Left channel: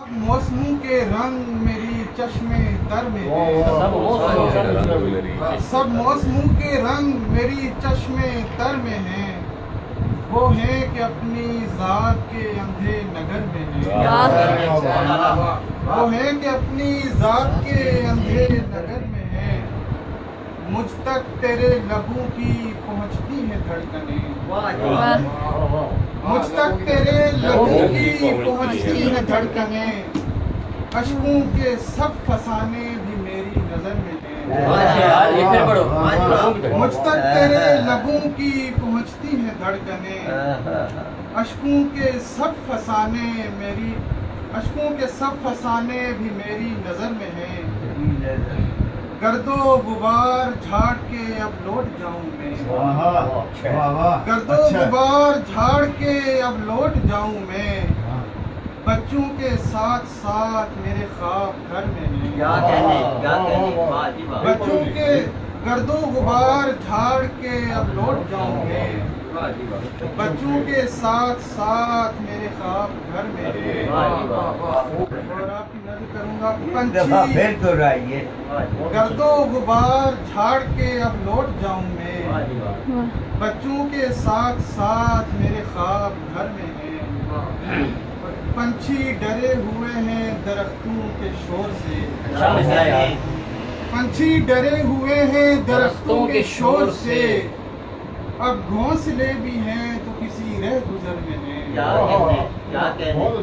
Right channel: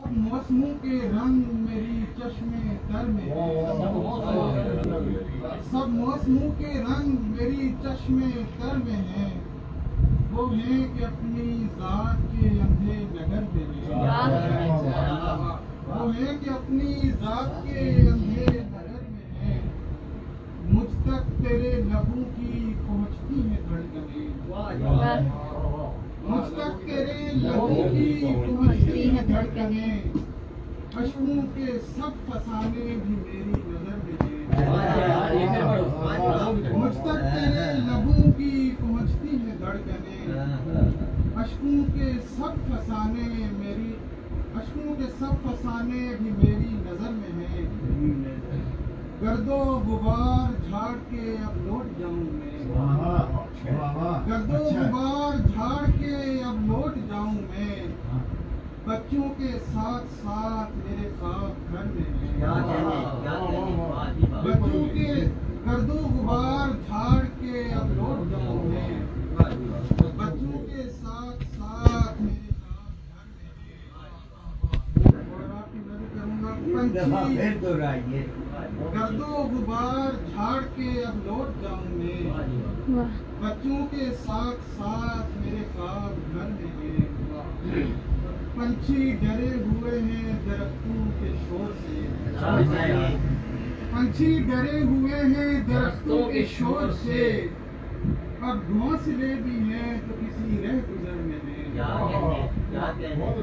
اب موسموں کے رنگ میری چشمے تر میں ہیں، سب موسموں کے رنگ میری چشمے تر میں ہیں، وہ ہیں کہ اپنی ذات کے اندھے نگر میں ہیں، وہ ہیں کہ اپنی ذات کے اندھے نگر میں ہیں، مجھ تک تیرے لبوں کی پہنچتی ہیں دھڑکنیں، مجھ تک تیرے لبوں کی پہنچتی ہیں دھڑکنیں، اشکوں کے سب فسانے بھی میری نظر میں ہیں، مجھ تک تیرے لبوں کی پہنچتی ہیں دھڑکنیں، اشکوں کے سب فسانے بھی میری نظر میں ہیں، گرد و غبار جھاڑ کے اب لوٹ جاؤں میں، گرد و غبار جھاڑ کے اب لوٹ جاؤں میں، بچوں کے ساتھ ساتھ میرے خواب گھر میں ہیں، بچوں کے گرد و غبار جھاڑ کے اب لوٹ جاؤں میں، بچوں کے ساتھ ساتھ میرے خواب گھر میں ہیں، اور آپ کی نظر کروں گا پنچھی گرد و غبار جھاڑ کے اب لوٹ جاؤں میں، بچوں کے ساتھ ساتھ میرے خواب گھر میں ہیں، پنچھی ڈرے ہوئے ہیں درختوں کے شور سے، پنچھی ڈرے ہوئے ہیں درختوں کے شور سے، اب گھونسلے بھی ہیں تو کسی رہ گزر میں ہیں،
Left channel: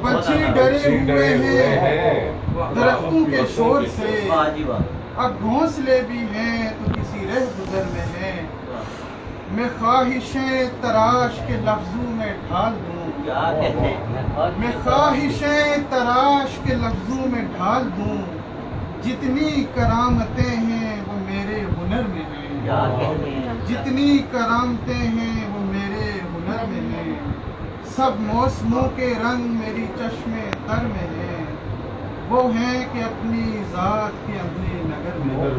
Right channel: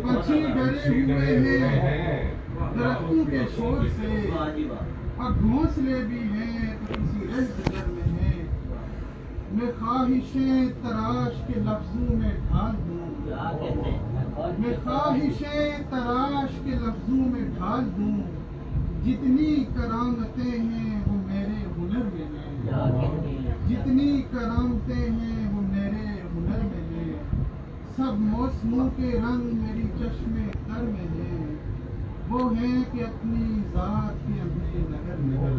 پنچھی ڈرے ہوئے ہیں درختوں کے شور سے، اب گھونسلے بھی ہیں تو کسی رہ گزر میں ہیں، میں خواہشیں تراش کے لفظوں میں ڈھال دوں، میں خواہشیں تراش کے لفظوں میں ڈھال دوں، جتنی کرامتیں ہیں وہ میرے ہنر میں ہیں، جتنی کرامتیں ہیں وہ میرے ہنر میں ہیں، سب موسموں کے رنگ میری چشمے تر میں ہیں، وہ ہیں کہ اپنی ذات کے اندھے نگر میں ہیں۔